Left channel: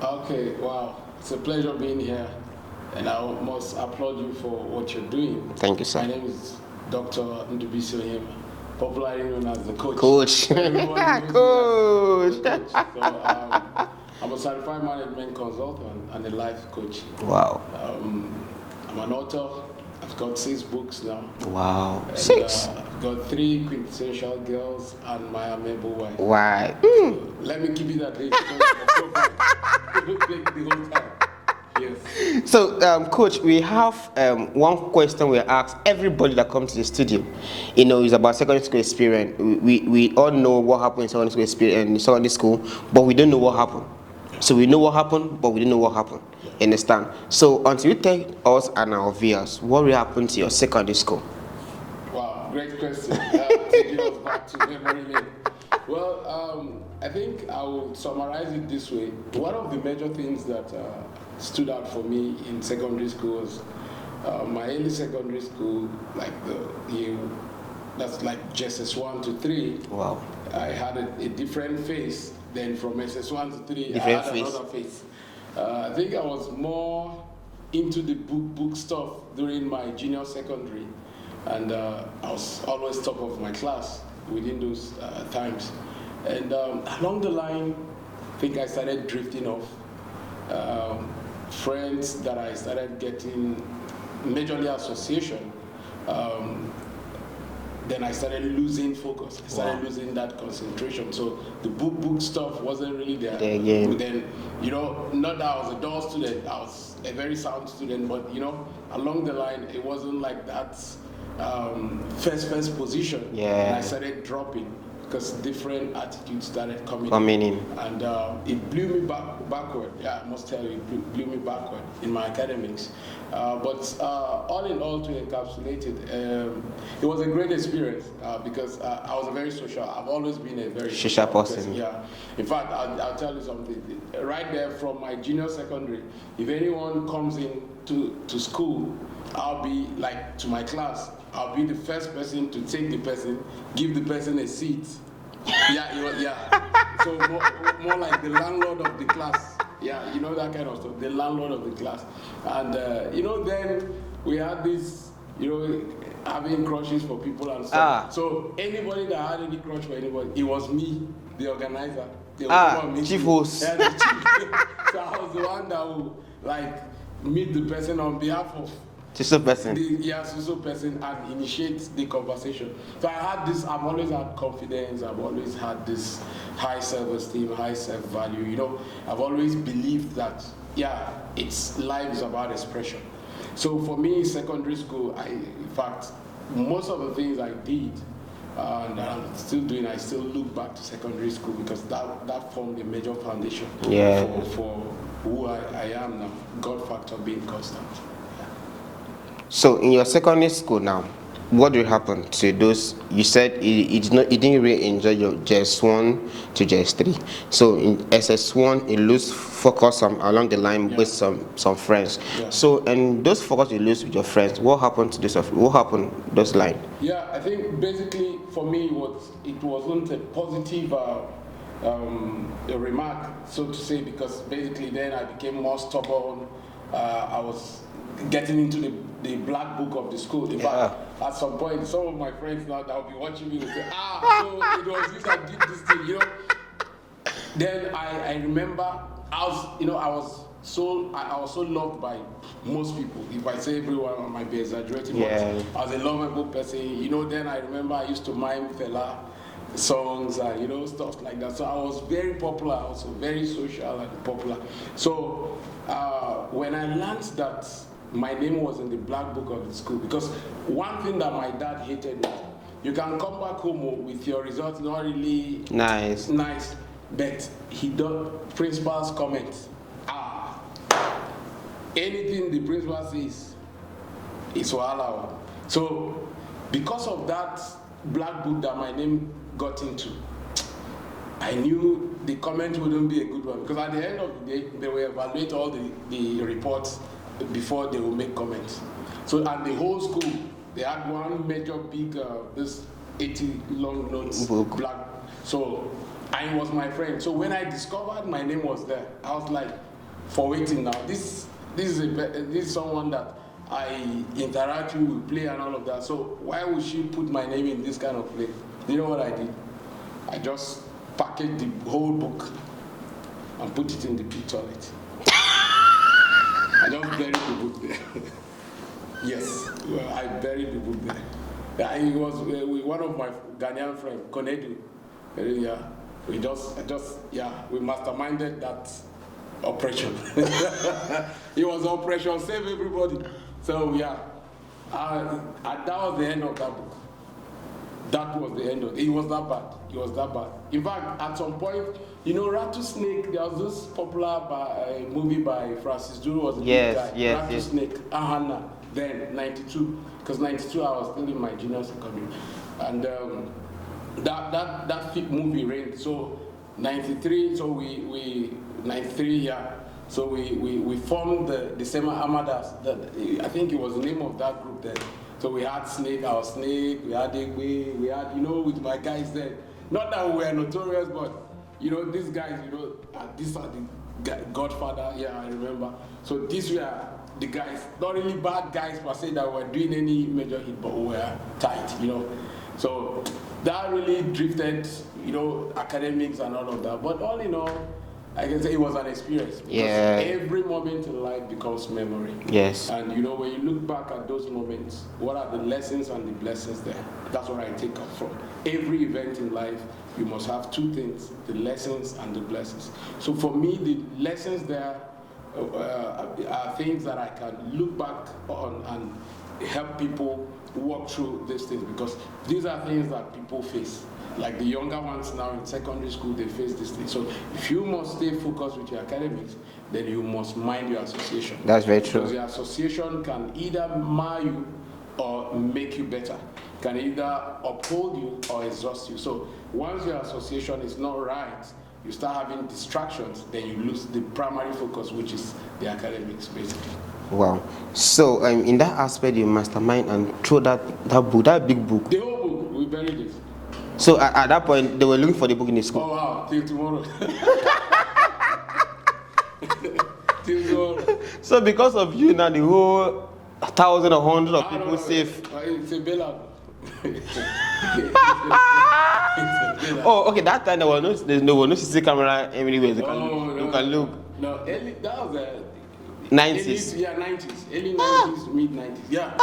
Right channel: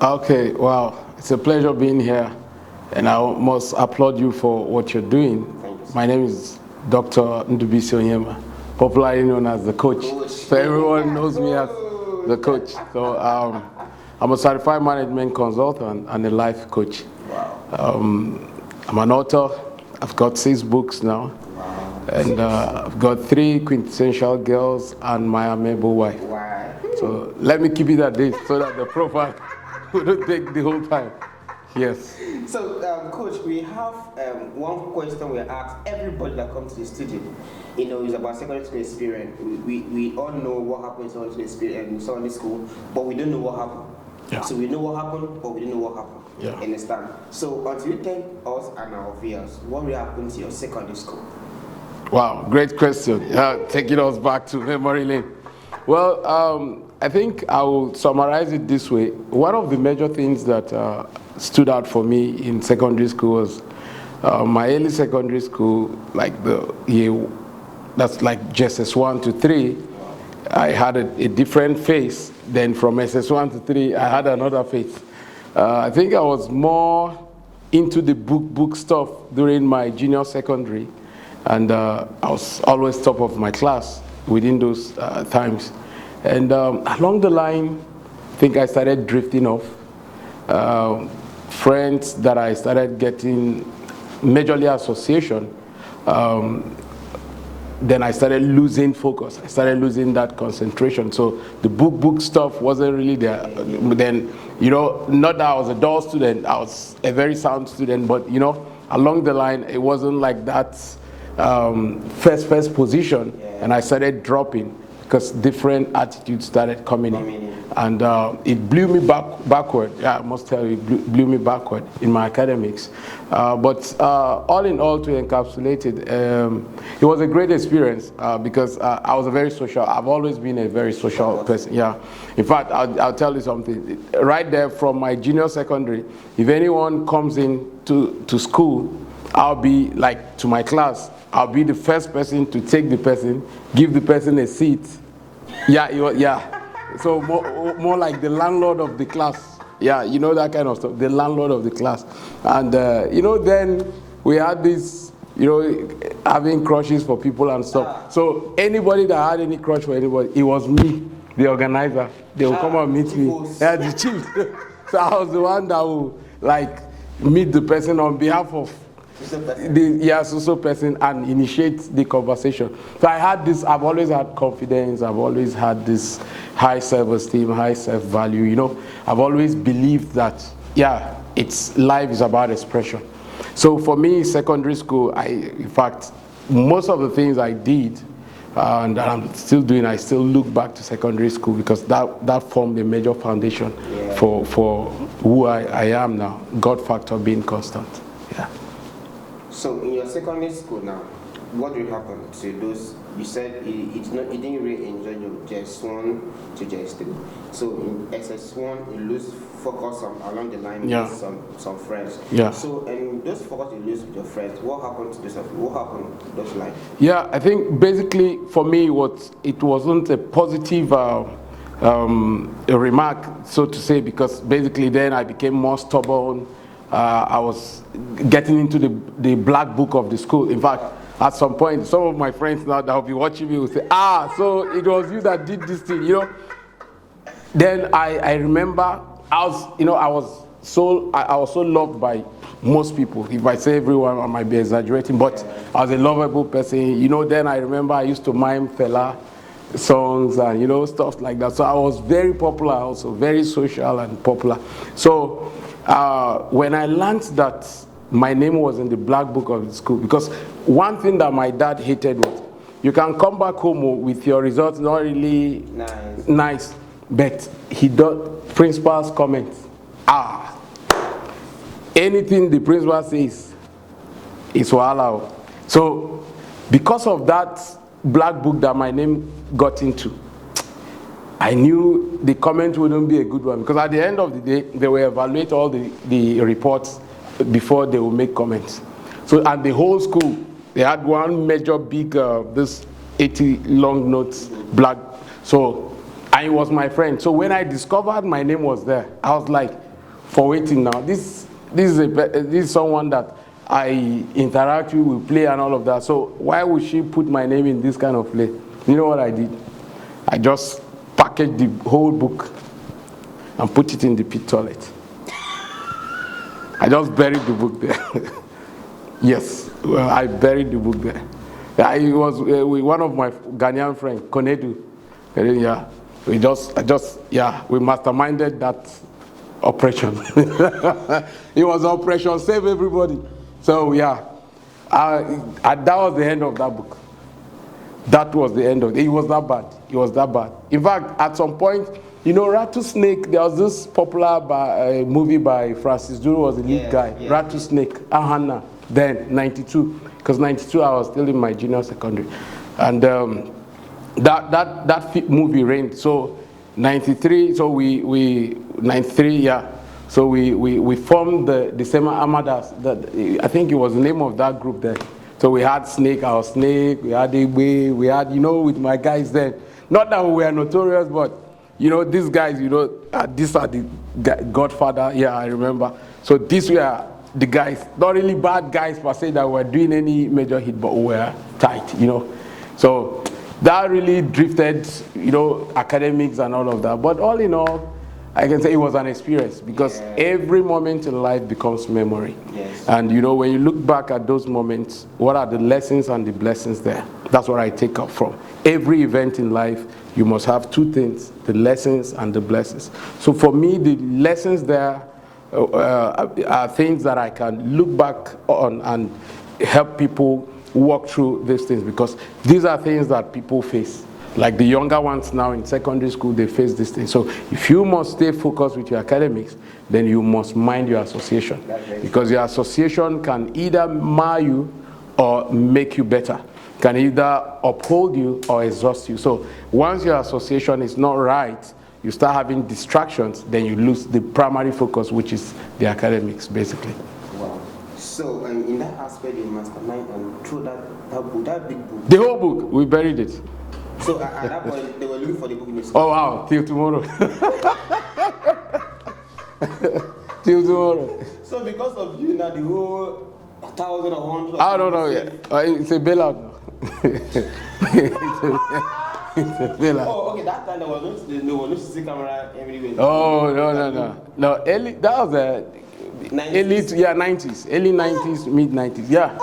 Okay, wow. It's a pleasure being here. And I must applaud you for what you're doing. Thank you, sir. My name is Dr. Ndubisi Onyema, popularly known as the coach. Coach. So everyone knows me as the coach. So I'm a certified management consultant and a life coach. Wow. I'm an author. I've got 6 books now. Wow. And I've got 3 quintessential girls and my amiable wife. Why? So let me keep it at this so that the profile will take the whole time. Yes. So, Coach, we have one question we ask everybody that comes to the studio. You know, it's about secondary school experience. We all know what happened in secondary school experience, in secondary school, but we don't know what happened. Yeah. So we know what happened, but we don't know what happened. Yeah. Understand? So until you tell us and our viewers what will happen to your secondary school. Wow, great question. Taking us back to memory lane. Well, I think I will summarize it this way. One of the major things that stood out for me in secondary school was my early secondary school, like the year, that's like just SS1 to 3. Wow. I had a different face. Then from SS1 to 3, I had another face. I think I was more into the book stuff during my junior secondary, and I was always top of my class within those times. And along the line, I think I started drifting off. Friends that I started getting, majorly association, then I started losing focus. I started losing that concentration. So the book stuff wasn't really there. Yeah. Then, you know, not that I was a dull student, I was a very sound student, but, you know, along the line, it wasn't like that first position. Yeah. And I started dropping because different attitudes started coming in. And it blew me backward. Yeah, I must tell you, it blew me backward in my academics. But all in all, to encapsulate it was a great experience because I was a very social. I've always been a very social person. Yeah. In fact, I'll tell you something. Right there from my junior secondary, if anyone comes in to school, I'll be like to my class. I'll be the first person to take the person, give the person a seat. Yeah. So more like the landlord of the class. Yeah, you know, that kind of stuff. The landlord of the class. And, you know, then we had this, you know, having crushes for people and stuff. So anybody that had any crush for anybody, it was me, the organizer. They would come and meet me. Yeah, the chief. So I was the one that would, like, meet the person on behalf of social person. Social person, and initiate the conversation. So I had this, I've always had confidence, I've always had this high self-esteem, high self-value, you know. I've always believed that, life is about expression. So for me, secondary school, in fact, most of the things I did, and that I'm still doing, I still look back to secondary school because that formed a major foundation for who I am now, God factor being constant. Yeah. So in your secondary school now, what will happen to those? You said you didn't really enjoy your JS1 to JS3. So in SS1, you lose focus along the line with some friends. Yeah. So and those focus you lose with your friends, what happened to this? What happened those line? Yeah, I think basically for me it wasn't a positive a remark, so to say, because basically then I became more stubborn. I was getting into the black book of the school. In fact, at some point, some of my friends now that will be watching me will say, so it was you that did this thing, you know. Then I remember I was so loved by most people. If I say everyone, I might be exaggerating, but I was a lovable person. You know, then I remember I used to mime Fela songs and, you know, stuff like that. So I was very popular also, very social and popular. So when I learned that my name was in the black book of the school, because one thing that my dad hated was, you can come back home with your results not really nice, but he does principal's comments. Anything the principal says is wahala. So because of that black book that my name got into, I knew the comment wouldn't be a good one, because at the end of the day, they will evaluate all the reports before they will make comments. So at the whole school, they had one major big, this 80 long notes, black. So, and it was my friend. So when I discovered my name was there, I was like, for waiting now. This is someone that I interact with, we play and all of that. So why would she put my name in this kind of play? You know what I did? I just packaged the whole book and put it in the pit toilet. I just buried the book there. Yes, well, I buried the book there. Yeah, it was with one of my Ghanaian friends, Konedu. Yeah, we masterminded that operation. It was Operation Save Everybody. So yeah, that was the end of that book. That was the end of it. It was that bad. It was that bad. In fact, at some point, you know, Rattlesnake, there was this popular movie by Francis Duru, was the lead guy. Yes, Rattlesnake, Ahana, then 92. Because 92, I was still in my junior secondary. And that movie reigned. So 93, so we 93, yeah. So we formed the Sema Amadas. I think it was the name of that group then. So we had Snake, our Snake, we had Igwe, we had, you know, with my guys then. Not that we were notorious, but, you know, these guys, you know, these are the Godfather, yeah, I remember. So these were the guys, not really bad guys per se that were doing any major hit, but were tight, you know. So that really drifted, you know, academics and all of that. But all in all, I can say it was an experience because every moment in life becomes memory. Yes. And you know, when you look back at those moments, what are the lessons and the blessings there? That's what I take up from. Every event in life, you must have two things, the lessons and the blessings. So for me, the lessons there are things that I can look back on and help people walk through these things, because these are things that people face. Like the younger ones now in secondary school, they face this thing. So if you must stay focused with your academics, then you must mind your association. That's very true. Because your association can either mar you or make you better. Can either uphold you or exhaust you. So once your association is not right, you start having distractions, then you lose the primary focus, which is the academics, basically. Wow. So in that aspect, you mastermind and throw that book, that big book. The whole book, we buried it. So at that point, they were looking for the book in the school. Oh wow, till tomorrow. Till tomorrow. So because of you now, the whole 1,000 or 100 of I don't know. safe. It's a bailout. Oh, okay. That time there was no CC camera everywhere. No. Early, that was the 90s. Early 90s, early 90s, mid 90s. Yeah.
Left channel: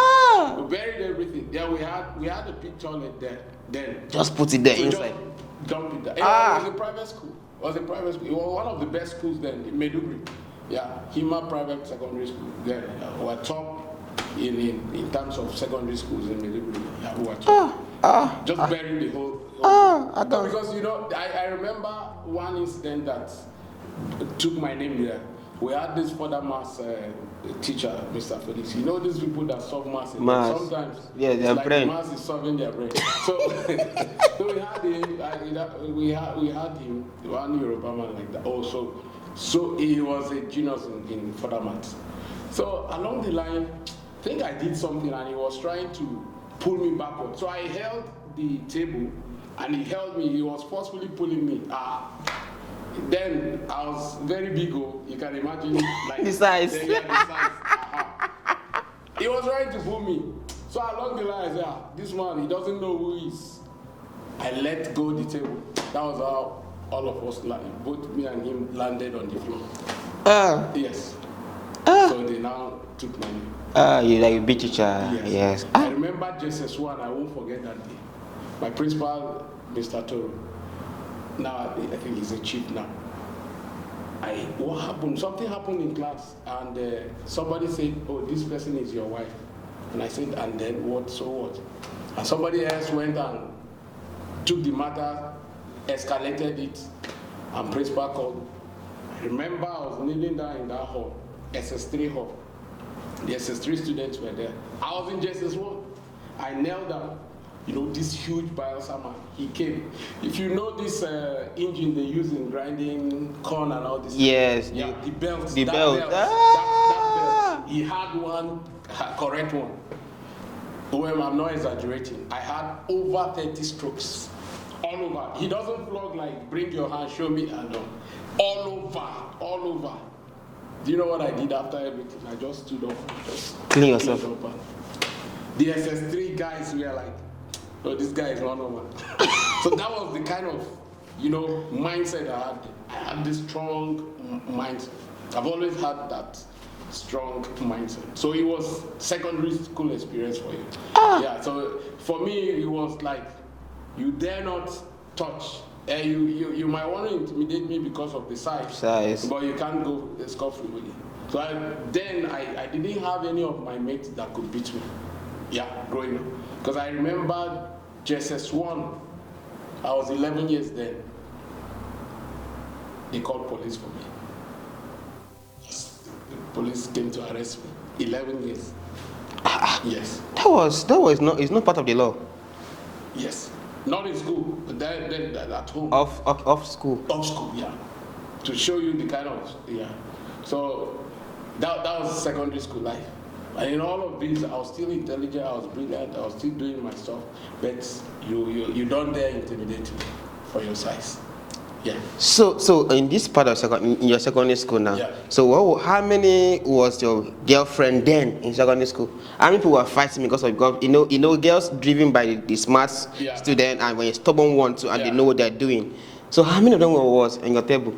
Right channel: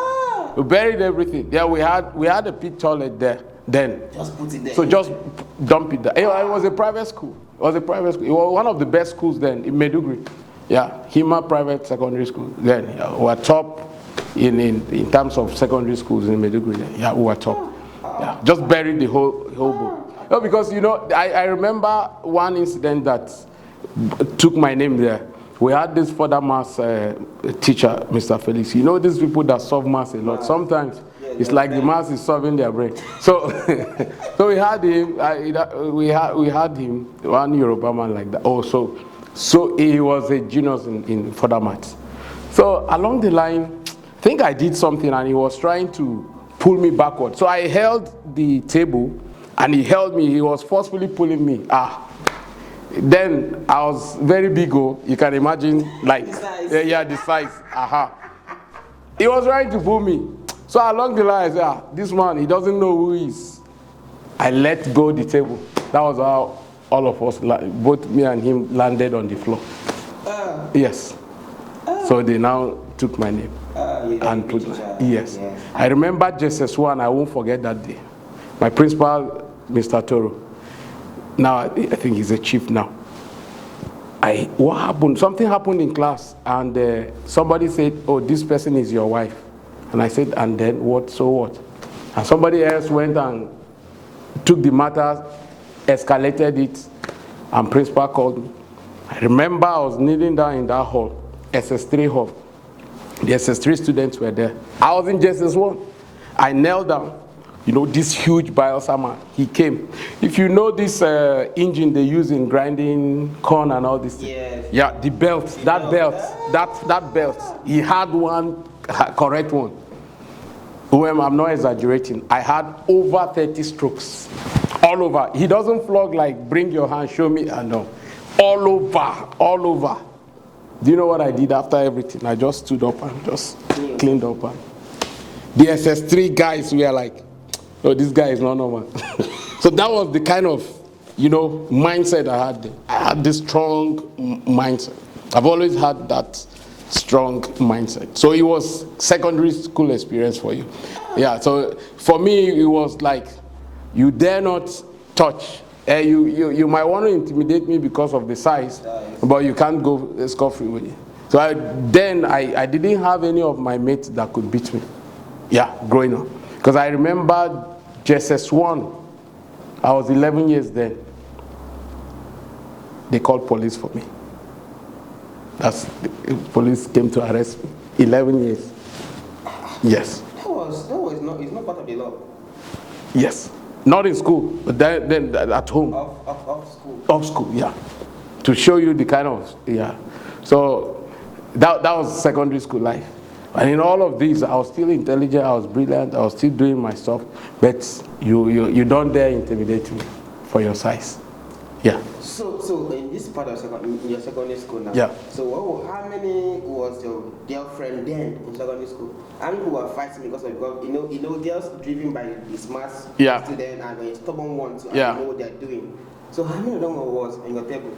We buried everything. Yeah, we had a pit toilet there. Then just put it there. So inside. just dump it there. It was a private school. It was one of the best schools then in Maiduguri. Yeah, Hima Private Secondary School. Then we were top in terms of secondary schools in Maiduguri. Yeah, we were top. Just buried the whole book. No, because you know, I remember one incident that took my name there. We had this further maths teacher, Mr. Felix. You know these people that solve maths a lot. Sometimes it's like the maths is solving their brain. So, so we had him. We had him, one Yoruba man like that. Oh, so he was a genius in further maths. So along the line, I think I did something, and he was trying to pull me backward. So I held the table, and he held me. He was forcefully pulling me. Then I was very big, you can imagine, like the size. Yeah, the size. He was trying to pull me. So along the line, I said, this man, he doesn't know who he is. I let go the table. That was how all of us, both me and him, landed on the floor. Yes. So they now took my name. You beat each other. Yes. I remember JSS1, I won't forget that day. My principal, Mr. Toro. Now, I think he's a chief now. What happened? Something happened in class, and somebody said, oh, this person is your wife. And I said, and then what, so what? And somebody else went and took the matter, escalated it, and principal called me. I remember I was kneeling down in that hall, SS3 hall. The SS3 students were there. I was in JSS1. I knelt down. You know, this huge biosama, he came. If you know this engine they use in grinding corn and all this. Yes. Yeah, the belt, that belt. He had one, correct one. I'm not exaggerating. I had over 30 strokes. All over. He doesn't flog like, bring your hand, show me. No. All over. Do you know what I did after everything? I just stood up and just Clean cleaned up. And the SS3 guys were like, oh, this guy is not normal. So that was the kind of, mindset I had. I had this strong mindset. I've always had that strong mindset. So it was secondary school experience for you. Yeah, so for me, it was like, you dare not touch. You might want to intimidate me because of the size. But you can't go scot-free with it. So I didn't have any of my mates that could beat me. Yeah, growing up. Because I remember JSS1, I was 11 years then. They called police for me. The police came to arrest me. 11 years. Yes. It's not part of the law. Yes. Not in school, but then at home. Off school. Off school, yeah. To show you the kind of, yeah. So that was secondary school life. And in all of this, I was still intelligent, I was brilliant, I was still doing my stuff, but you don't dare intimidate me for your size. Yeah. So in this part of in your secondary school now, yeah. So how many was your girlfriend then in secondary school? How many people were fighting because girls driven by the smart student and when a stubborn one too, and they know what they're doing. So how many of them was in your table?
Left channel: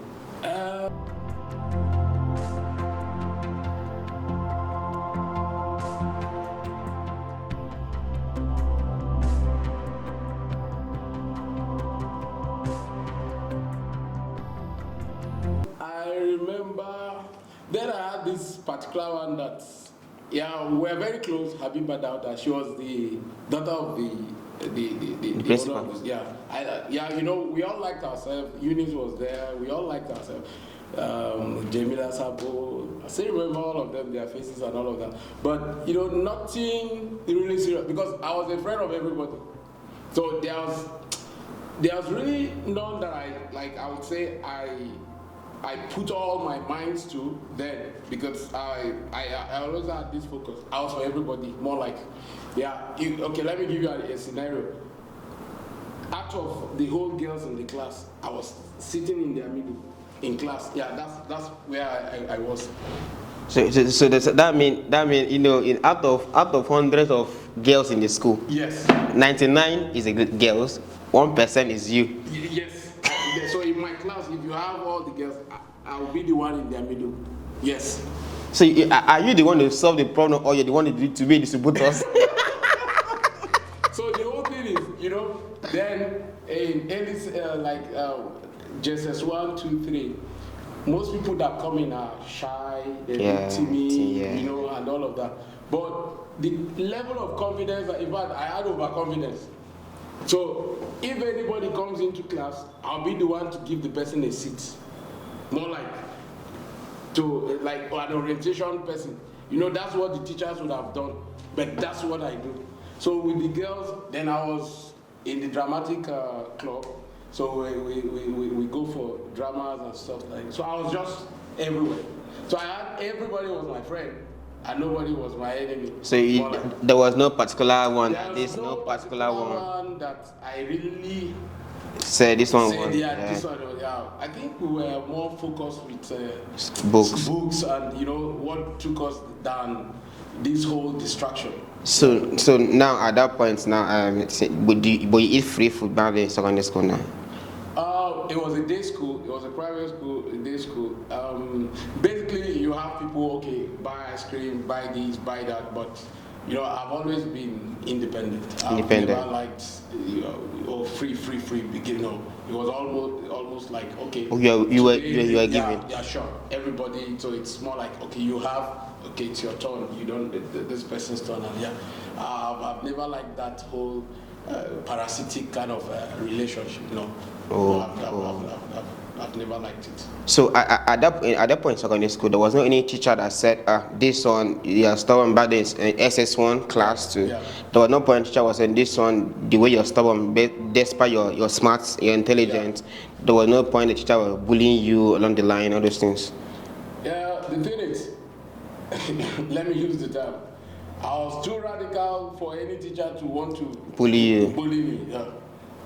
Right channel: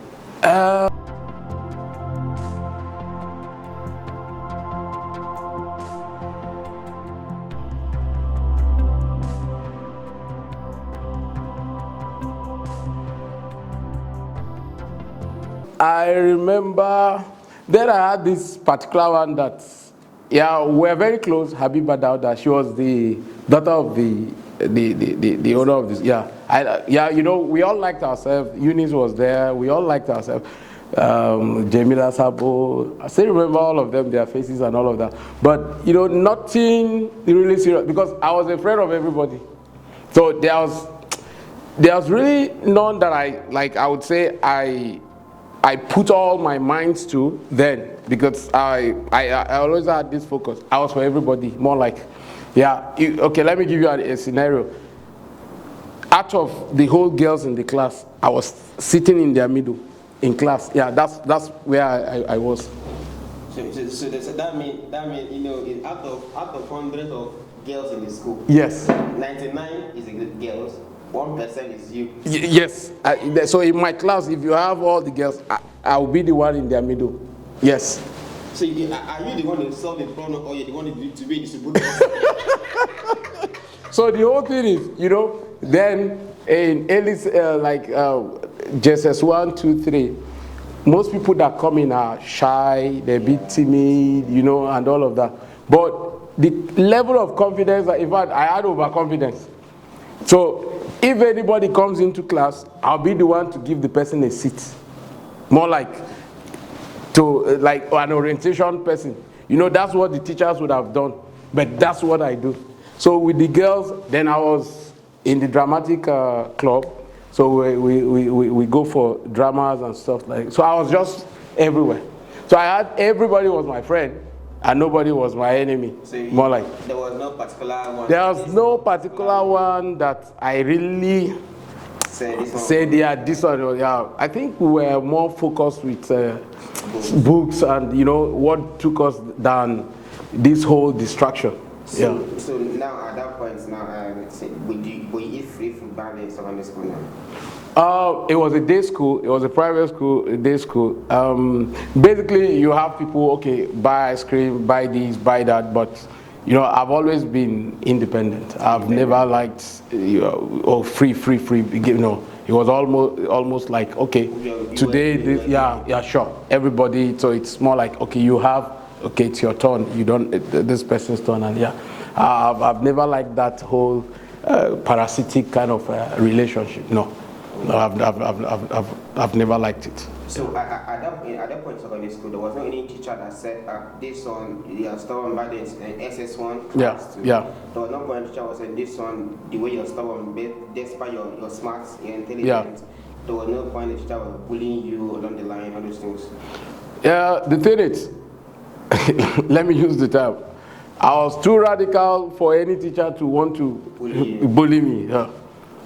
I remember then I had this particular one that, we were very close, Habiba Dauda. She was the daughter of the owner of this. We all liked ourselves. Eunice was there. We all liked ourselves. Jamila Sabo. I still remember all of them, their faces and all of that. But, nothing really serious because I was afraid of everybody. So there was really none that I would say I put all my minds to then because I always had this focus. I was for everybody, more like, okay, let me give you a scenario. Out of the whole girls in the class, I was sitting in their middle in class. Yeah, that's where I was. So that mean out of hundreds of girls in the school, yes, 99 is girls. 1% is you. Yes. So in my class, if you have all the girls, I'll be the one in their middle. Yes. So are you the one to solve the problem, or you're the one to be distributors? So the whole thing is, then in JSS 1, 2, 3, most people that come in are shy, they're a bit timid, and all of that. But the level of confidence, in fact, I had overconfidence. So if anybody comes into class, I'll be the one to give the person a seat. More like an orientation person. That's what the teachers would have done. But that's what I do. So with the girls, then I was in the dramatic club. So we go for dramas and stuff like that. So I was just everywhere. So everybody was my friend. And nobody was my enemy. So there was no particular one. There was no particular one that I really said this one. This one. Yeah, I think we were more focused with books, and what took us down this whole distraction. So now at that point would you eat free food back in secondary school now? It was a day school. It was a private school, a day school. Basically, you have people, okay, buy ice cream, buy this, buy that. But, I've always been independent. I've never liked, free. It was almost like, okay, today, sure. Everybody, so it's more like, okay, it's your turn. You don't, this person's turn, and I've never liked that whole parasitic kind of relationship. No. No, I've never liked it. So at that point in secondary school, there was not any teacher that said, this one, you're stubborn back in SS1 class too. Yeah. There was no point teacher was saying, this one, the way you're stubborn, despite your smarts, your intelligence, there was no point the teacher was bullying you along the line, all those things. Yeah, the thing is, let me use the term. I was too radical for any teacher to want to bully me. Yeah.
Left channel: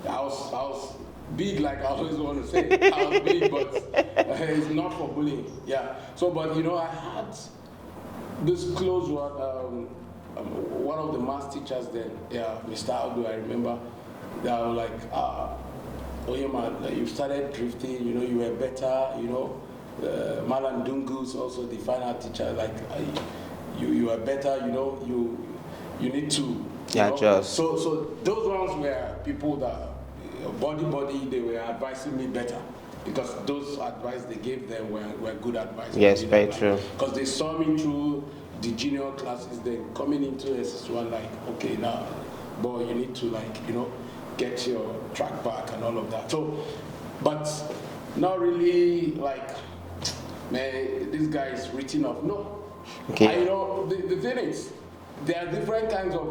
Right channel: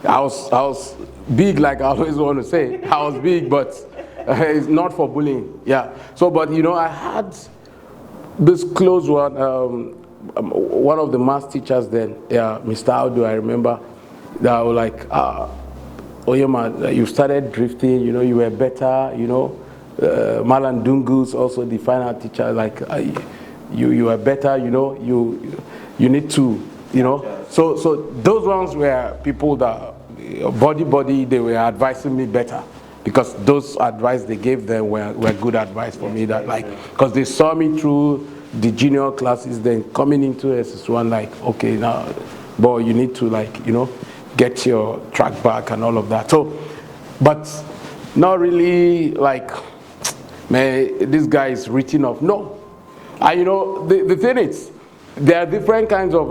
I was big, like I always want to say. I was big, but it's not for bullying. Yeah. So, but you know, I had this close one of the math teachers then, yeah, Mr. Audu, I remember, that was like, oh yeah, man, you started drifting, you know, you were better, you know. Malan Dungus, also the final teacher, like, you were better, you know, you need to, you know. So those ones were people that, body, they were advising me better. Because those advice they gave them were good advice for me. That, like, because they saw me through the junior classes, then coming into SS1, like, okay, now, boy, you need to, like, you know, get your track back and all of that. So, but not really like, man, this guy is written off. No. Okay. And you know, the thing is, there are different kinds of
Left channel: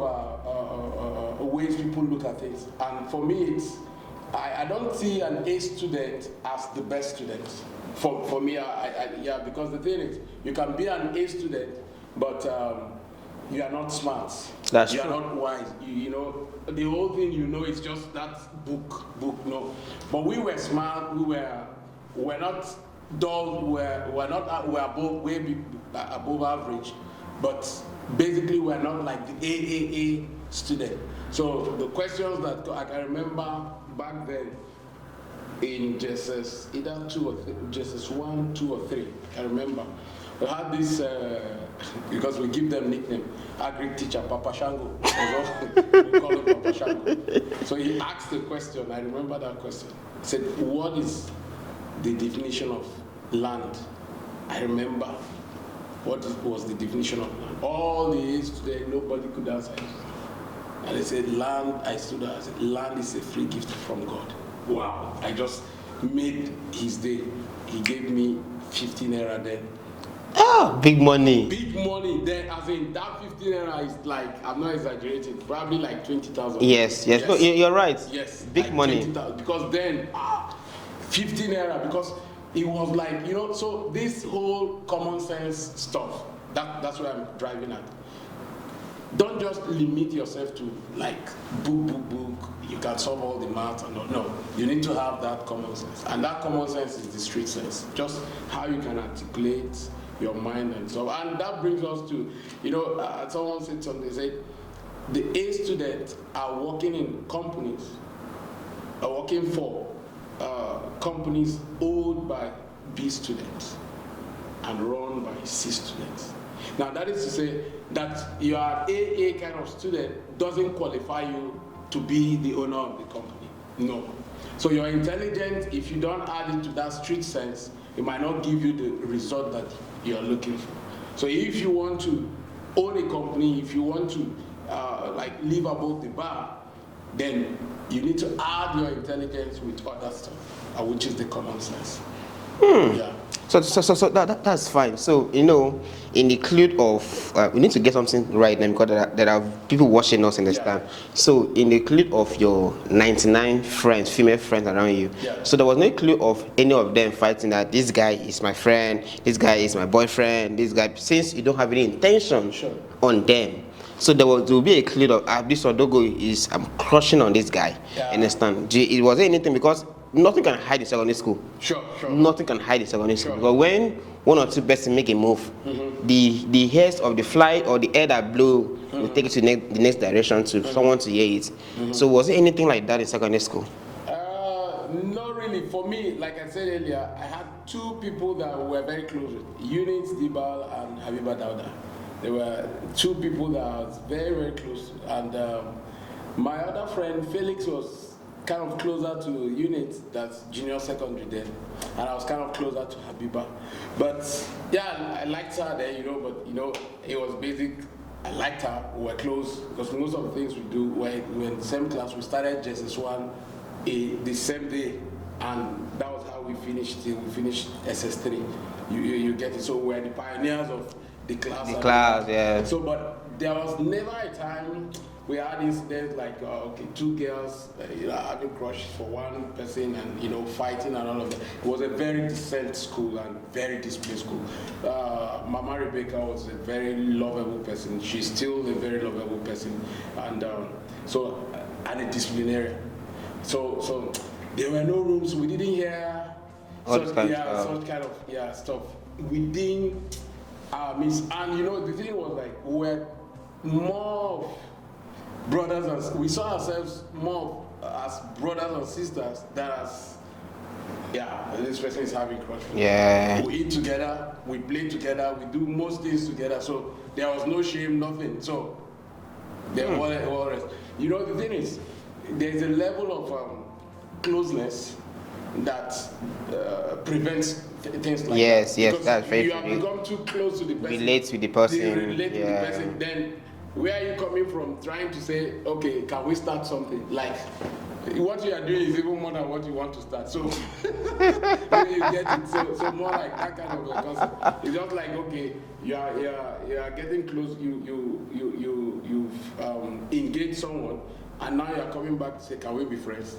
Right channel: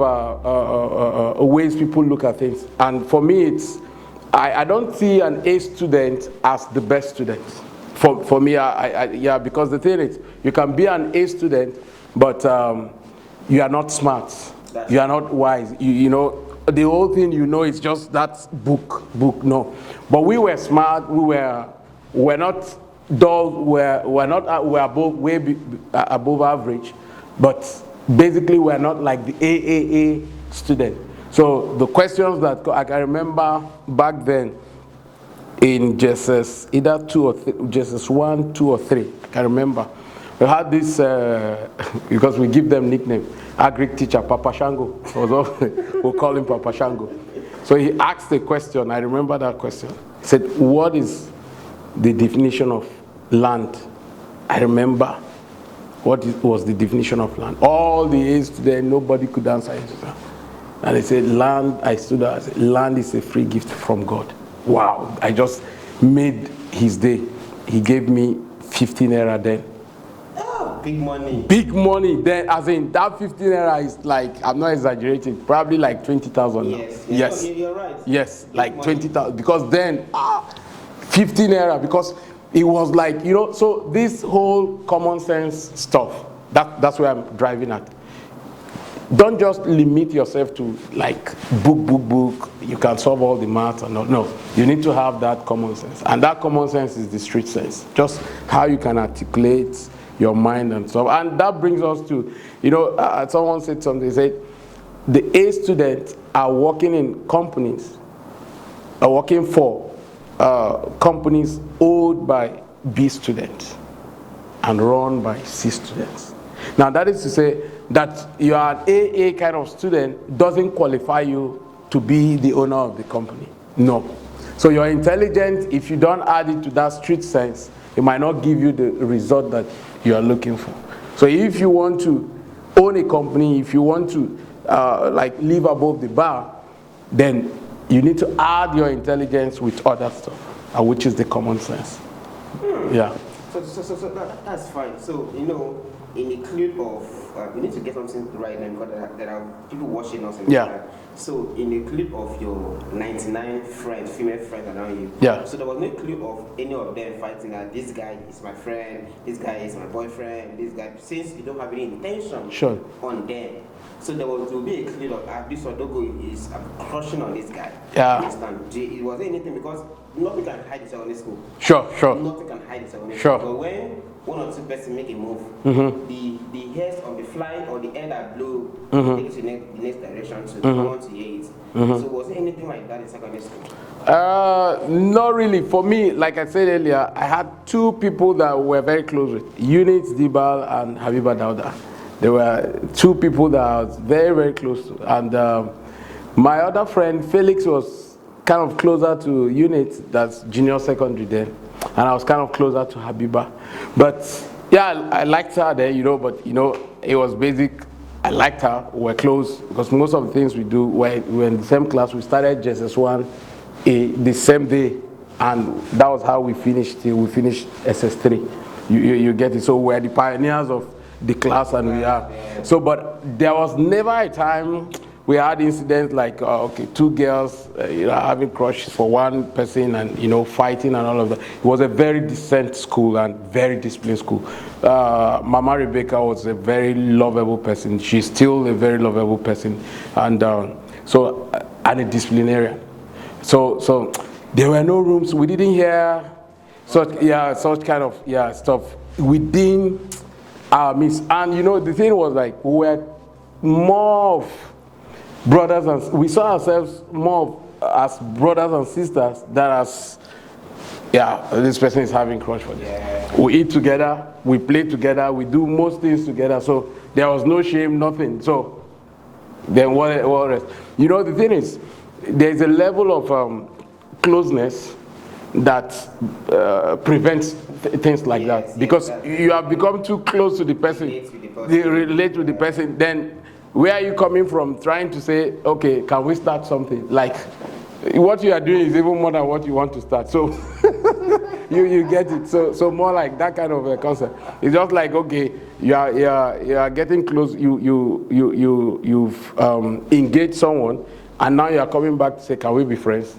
ways people look at things. And for me, it's, I don't see an A student as the best student. For me, yeah, because the thing is, you can be an A student, but you are not smart. You are not wise. You know, the whole thing, you know, it's just that book, no. But we were smart, we're not dull, we're way above average, but basically we're not like the AAA student. So the questions that I can remember back then in JSS, either 2 or 3, JSS 1, 2 or 3, I can remember. We had this, because we give them nickname, Agric teacher, Papa Shango. We'll call him Papa Shango. So he asked a question, I remember that question. He said, what is the definition of land? I remember what was the definition of land. All the A's today, nobody could answer it. And they said, land, I stood up, I said, land is a free gift from God. Wow, I just made his day. He gave me 15 naira then. Ah, big money. Big money then, as in that 15 naira is like, I'm not exaggerating, probably like 20,000. Yes. No, you're right. Yes, big like money. 20,000, because then, 15 naira, because it was like, you know, so this whole common sense stuff, that's where I'm driving at. Don't just limit yourself to like book. You can solve all the math and all. No, you need to have that common sense, and that common sense is the street sense. Just how you can articulate your mind and so. And that brings us to, you know, someone said something. They said the A students are working in companies, are working for companies owned by B students and run by C students. Now that is to say that you are an AA kind of student doesn't qualify you to be the owner of the company. No. So you're intelligent, if you don't add it to that street sense, it might not give you the result that you are looking for. So if you want to own a company, if you want to like live above the bar, then you need to add your intelligence with other stuff, which is the common sense. Yeah. So that's fine. So, you know, in the include of, we need to get something right now because there are people watching us in this time. So, in the include of your 99 friends, female friends around you, so there was no clue of any of them fighting that this guy is my friend, this guy is my boyfriend, this guy, since you don't have any intention on them. So there will be a clue of this Odogo is, I'm crushing on this guy. Understand? It wasn't anything because nothing can hide in secondary school. Sure. Nothing can hide in secondary school. But when one or two persons make a move, the hairs of the fly or the air that blow will take it to the next direction to someone to hear it. So was it anything like that in secondary school? Not really. For me, like I said earlier, I had two people that were very close with, Unit Dibal and Habiba Dauda. There were two people that I was very, very close to. And my other friend, Felix, was kind of closer to Unit, that's junior secondary there. And I was kind of closer to Habiba. But yeah, I liked her there, you know, but you know, it was basic. I liked her, we were close, because most of the things we do, we're in the same class. We started JSS1 the same day, and that was how we finished till we finished SS3. You get it? So we're the pioneers of the class. So, but there was never a time we had incidents like, okay, two girls, you know, having crushes for one person and, you know, fighting and all of that. It was a very decent school and very disciplined school. Mama Rebecca was a very lovable person. She's still a very lovable person. And and a disciplinarian. So there were no rooms. We didn't hear such kind of stuff within our midst. And you know, the thing was like we were more of brothers, and we saw ourselves more as brothers and sisters than as this person is having crush for you. Yeah. We eat together, we play together, we do most things together. So there was no shame, nothing. So then what rest? You know, the thing is, there's a level of closeness that prevents things like that. Because you have become too close to the person. Relate with the person. Relate with the person. Then where are you coming from trying to say, okay, can we start something? Like, what you are doing is even more than what you want to start. So you get it. So more like that kind of a concept. It's just like, okay, you are getting close. You've engaged someone, and now you are coming back to say, can we be friends?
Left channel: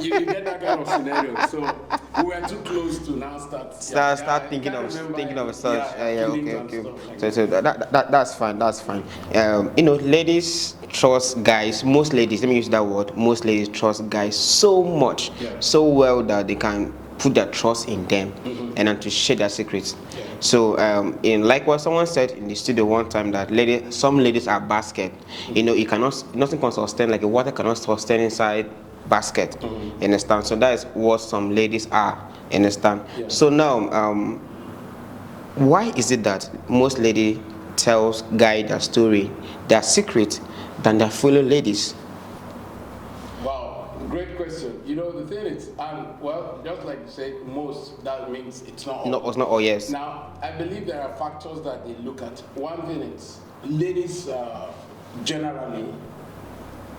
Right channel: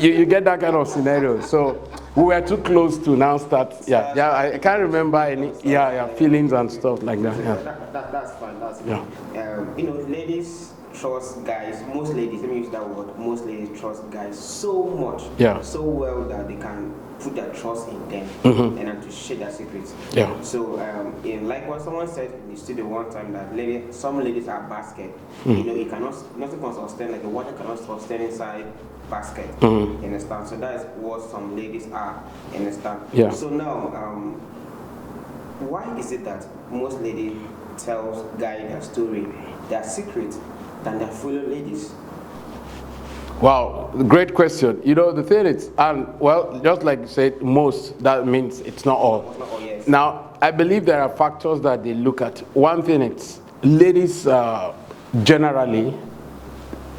you get that kind of scenario. So we were too close to now start. I can't remember any feelings and stuff like that. That's fine. That's fine. You know, ladies trust guys. Most ladies, let me use that word. Most ladies trust guys so much, so well that they can put their trust in them and then to share their secrets. Yeah. So in like what someone said in the studio one time, that some ladies are basket. You know, it cannot, nothing can sustain, like a water cannot sustain inside basket. Understand? So that is what some ladies are. Understand? Yeah. So now, why is it that most ladies tells guy their story, their secret, than their fellow ladies? Wow, great question. You know, the thing is, and well, just like you said, most, that means it's not all. No, it's not all, yes. Now, I believe there are factors that they look at. One thing is, ladies generally,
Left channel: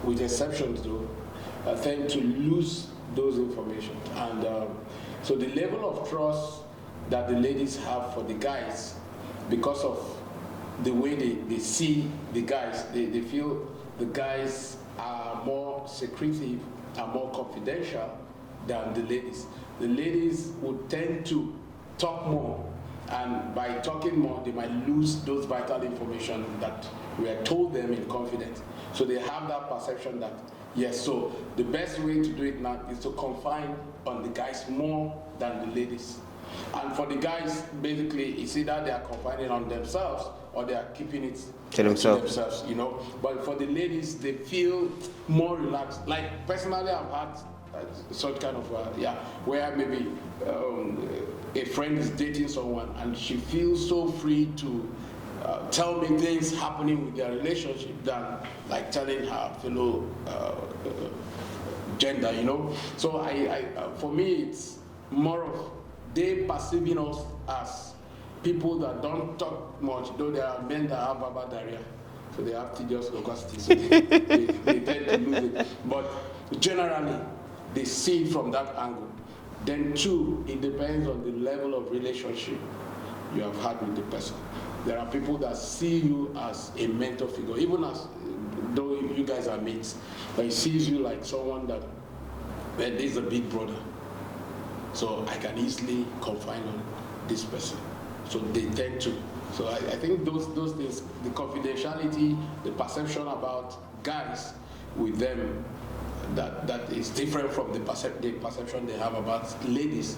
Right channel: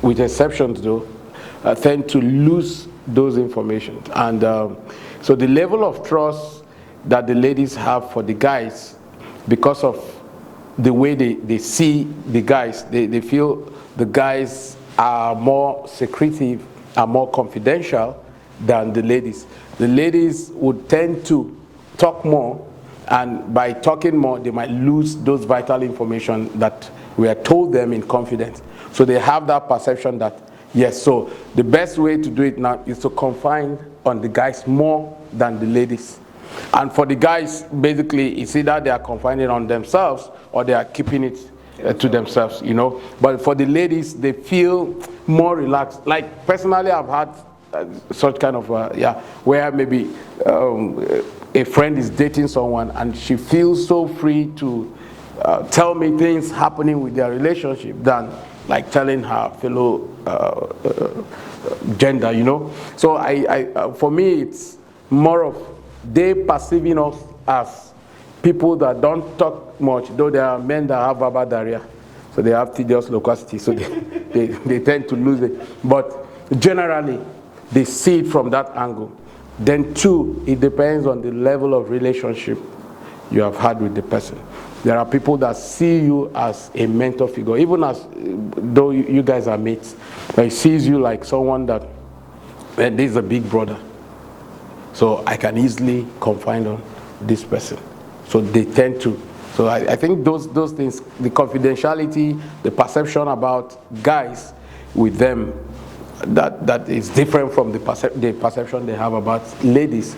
with exceptions though, tend to lose those information. And so the level of trust that the ladies have for the guys, because of the way they see the guys, they feel the guys are more secretive, are more confidential than the ladies. The ladies would tend to talk more, and by talking more, they might lose those vital information that we are told them in confidence. So they have that perception that, yes, so the best way to do it now is to confine on the guys more than the ladies. And for the guys, basically, it's either they are confining on themselves or they are keeping it to themselves, you know. But for the ladies, they feel more relaxed. Like, personally, I've had such kind of, where maybe a friend is dating someone and she feels so free to tell me things happening with their relationship than like telling her fellow gender, you know. So for me, it's more of they perceiving us as people that don't talk much, though there are men that have verbal diarrhea, so they have tedious loquacity, so they tend to lose it. But generally, they see it from that angle. Then two, it depends on the level of relationship you have had with the person. There are people that see you as a mentor figure, even as though you guys are mates. He sees you like someone that, well, this is a big brother, so I can easily confide on this person. So they tend to. So I think those things, the confidentiality, the perception about guys with them, that is different from the perception they have about ladies,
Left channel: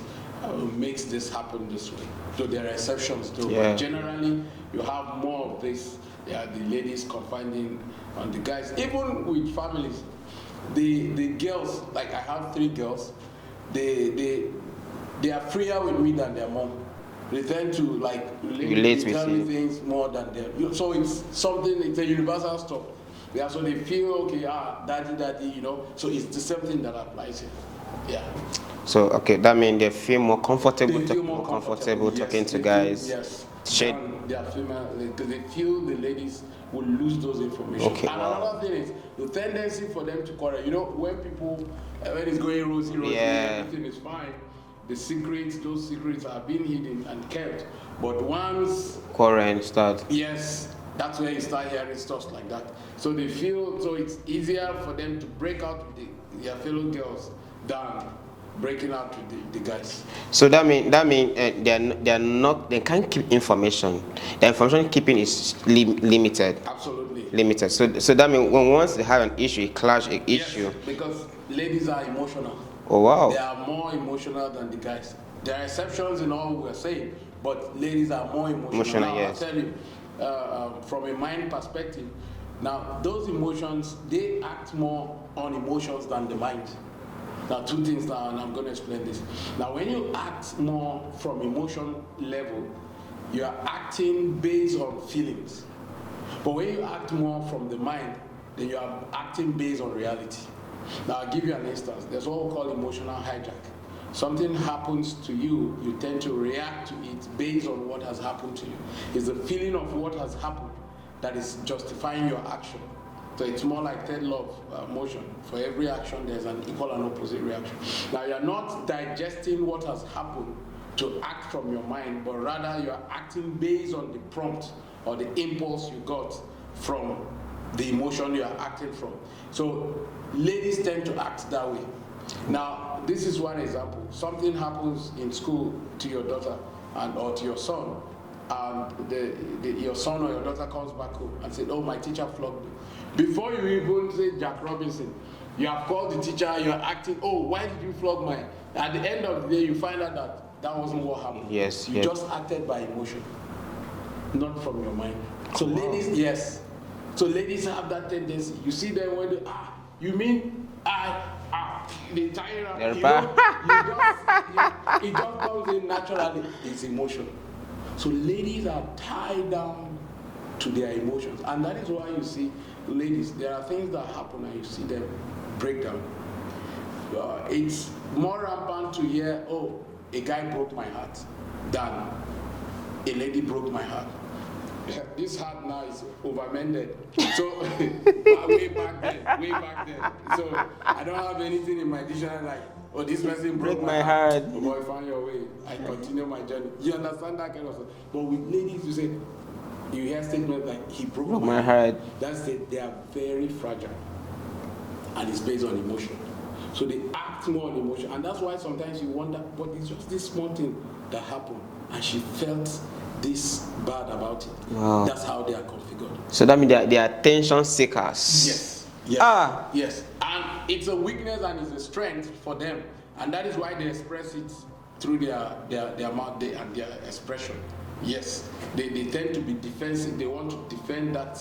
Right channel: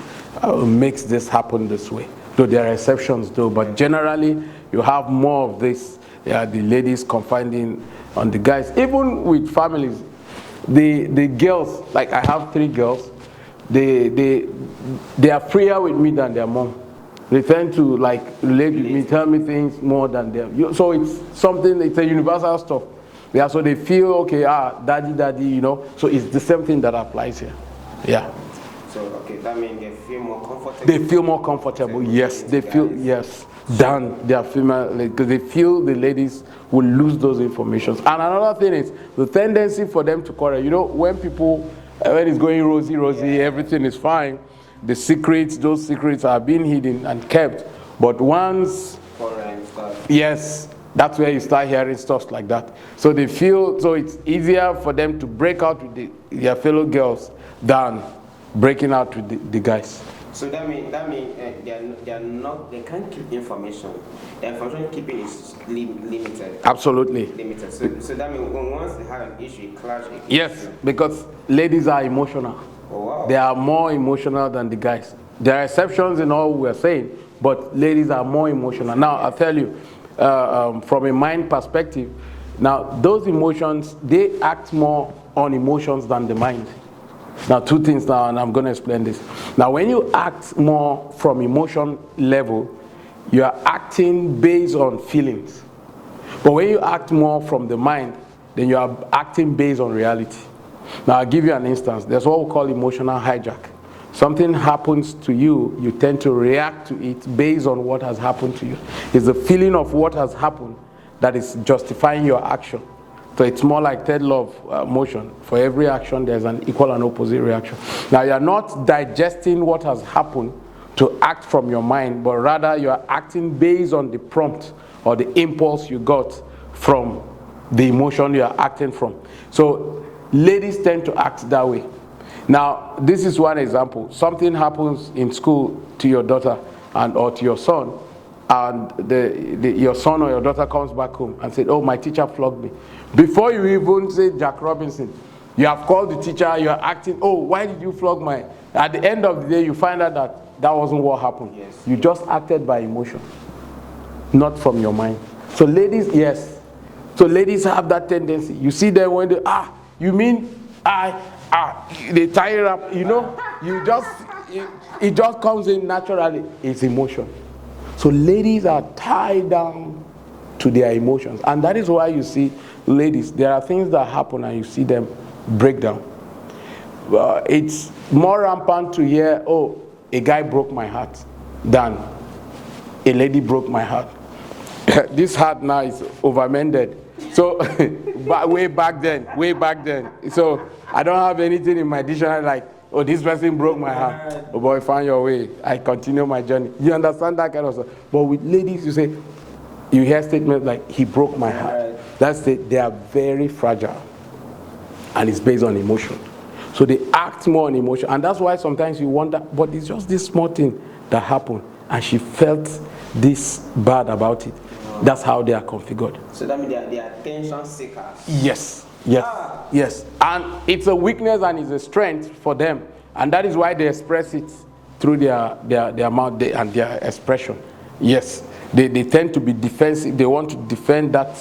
makes this happen this way. Though there are exceptions though, but generally you have more of this, the ladies confiding on the guys. Even with families, the girls, like I have 3 girls, they are freer with me than their mom. They tend to like relate tell me things more than them. So it's something, it's a universal stuff. Yeah, so they feel, okay, daddy, you know. So it's the same thing that applies here. Yeah. So, okay, that means they feel more comfortable. They feel more comfortable, yes. They feel, yes, than their female, because they feel the ladies will lose those information. Okay. And another thing is the tendency for them to quarrel. You know, when people, when it's going rosy, everything is fine, the secrets, those secrets are being hidden and kept. But once quarrel starts, yes, that's where you start hearing stuff like that. So they feel, so it's easier for them to break out with their fellow girls than breaking out with the guys. So that mean they can't keep information. The information keeping is limited. Absolutely. Limited. So that means when once they have an issue, a clash, an Yes, issue. because ladies are emotional. Oh wow. They are more emotional than the guys. There are exceptions in all we're saying, but ladies are more emotional. Now, yes. I'll tell you, from a mind perspective, now those emotions, they act more on emotions than the mind. Now, two things now, and I'm going to explain this. Now, when you act more from emotion level, you are acting based on feelings. But when you act more from the mind, then you are acting based on reality. Now, I'll give you an instance. There's what we call emotional hijack. Something happens to you, you tend to react to it based on what has happened to you. It's the feeling of what has happened that is justifying your action. So it's more like third law of motion. For every action, there's an equal and opposite reaction. Now, you're not digesting what has happened to act from your mind, but rather you are acting based on the prompt or the impulse you got from the emotion you are acting from. So ladies tend to act that way. Now, this is one example. Something happens in school to your daughter or to your son, and your son or your daughter comes back home and said, oh, my teacher flogged me. Before you even say Jack Robinson, you have called the teacher, you are acting, oh, why did you flog my... At the end of the day, you find out that that wasn't what happened. Yes. You just acted by emotion, not from your mind. So ladies, yes. So ladies have that tendency. You see them when they, you mean they tie it up, you know, it just comes in naturally. It's emotion. So ladies are tied down to their emotions. And that is why you see ladies, there are things that happen and you see them break down. It's more rampant to hear, oh, a guy broke my heart, than a lady broke my heart. This heart now is over-mended. So way back then. So I don't have anything in my dictionary like, oh, this person broke my heart. Oh boy, find your way. I continue my journey. You understand that kind of stuff? But with ladies, you say, you hear statements like, he broke my heart. That's it. They are very fragile. And it's based on emotion. So they act more on emotion. And that's why sometimes you wonder, but it's just this small thing that happened. And she felt this bad about it. Wow. That's how they are configured. So that means they are attention seekers. Yes. Yes. Yes. And it's a weakness and it's a strength for them. And that is why they express it through their mouth and their expression. Yes. They tend to be defensive. They want to defend that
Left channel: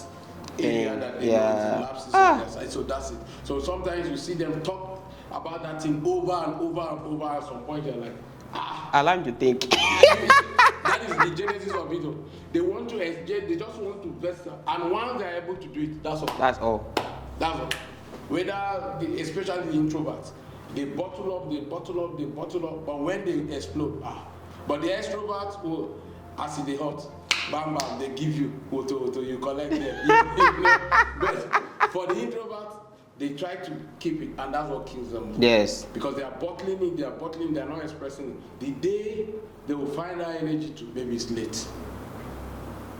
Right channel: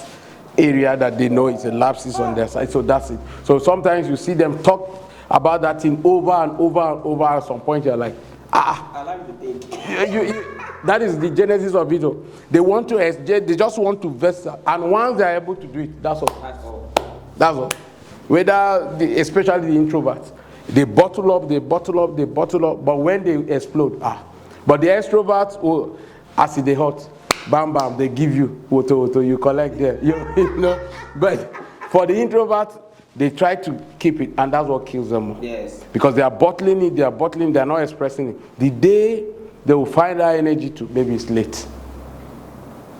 area that they know is a lapses on their side. So that's it. So sometimes you see them talk about that thing over and over and over. At some point you're like, allow me to think. That is the genesis of it. They want to they just want to vest, and once they are able to do it, that's all. That's all. That's all. Whether especially the introverts, they bottle up, but when they explode, But the extroverts, as they hot, bam bam, they give you auto, you collect there. You know? But for the introverts, they try to keep it, and that's what kills them. Yes. Because they are bottling it, they're not expressing it. The day they will find that energy to, maybe it's late.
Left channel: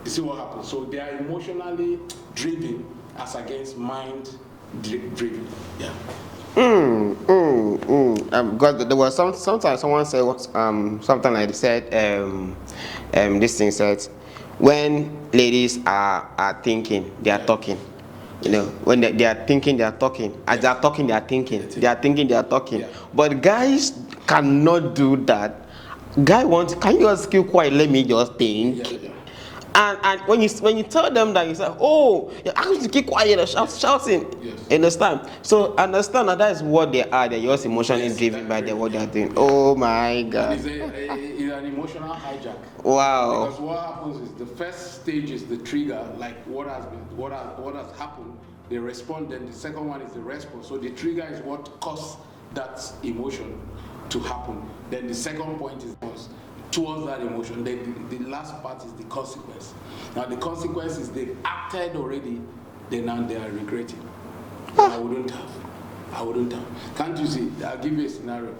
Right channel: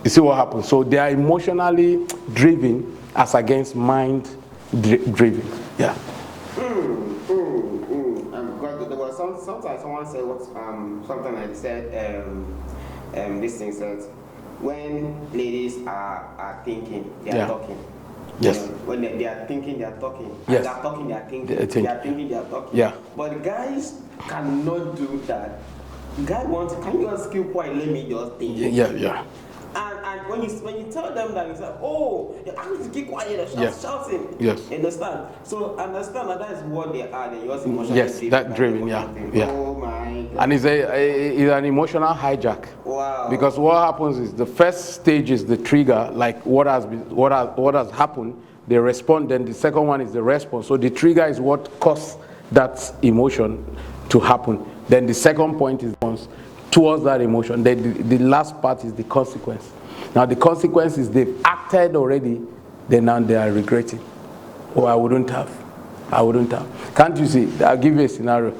You see what happens? So they are emotionally driven as against mind driven. Yeah. Because there was sometimes someone said something like they said this thing said when ladies are thinking, they are talking. Yes. You know, when they are thinking, they are talking. As Yes. they are talking, they are thinking. They are thinking, they are talking. Yeah. But guys cannot do that. Guy wants, can you just keep quiet? Let me just think. Yeah. And when you tell them that, you say, oh, you're actually to keep quiet and shouting. Yes. Understand? So understand that is what they are. They're just emotionally driven by what they think. Yeah. Oh my God. And it's an emotional hijack. Wow. Because what happens is the first stage is the trigger, like what has happened. They respond. Then the second one is the response. So the trigger is what caused that emotion to happen. Then the second point is towards that emotion. Then the last part is the consequence. Now the consequence is they've acted already, then now they are regretting. Oh, I wouldn't have. Can't you see? I'll give you a scenario.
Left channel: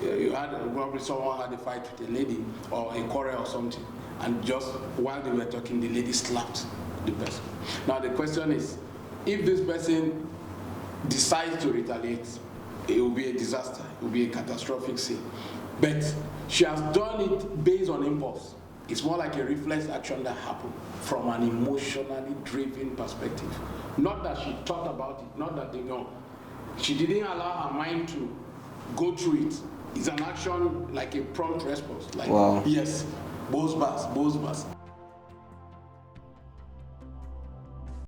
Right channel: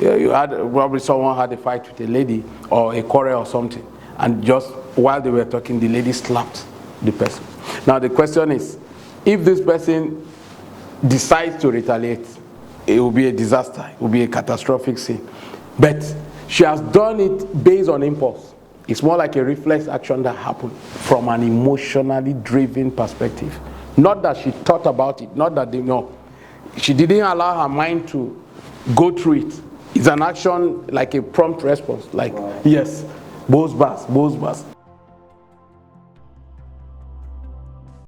You had probably someone had a fight with a lady or a quarrel or something, and just while they were talking, the lady slapped the person. Now the question is, if this person decides to retaliate, it will be a disaster. It will be a catastrophic scene. But She has done it based on impulse. It's more like a reflex action that happened from an emotionally driven perspective. Not that she thought about it, not that they know. She didn't allow her mind to go through it. It's an action like a prompt response, like, yes, bows bass,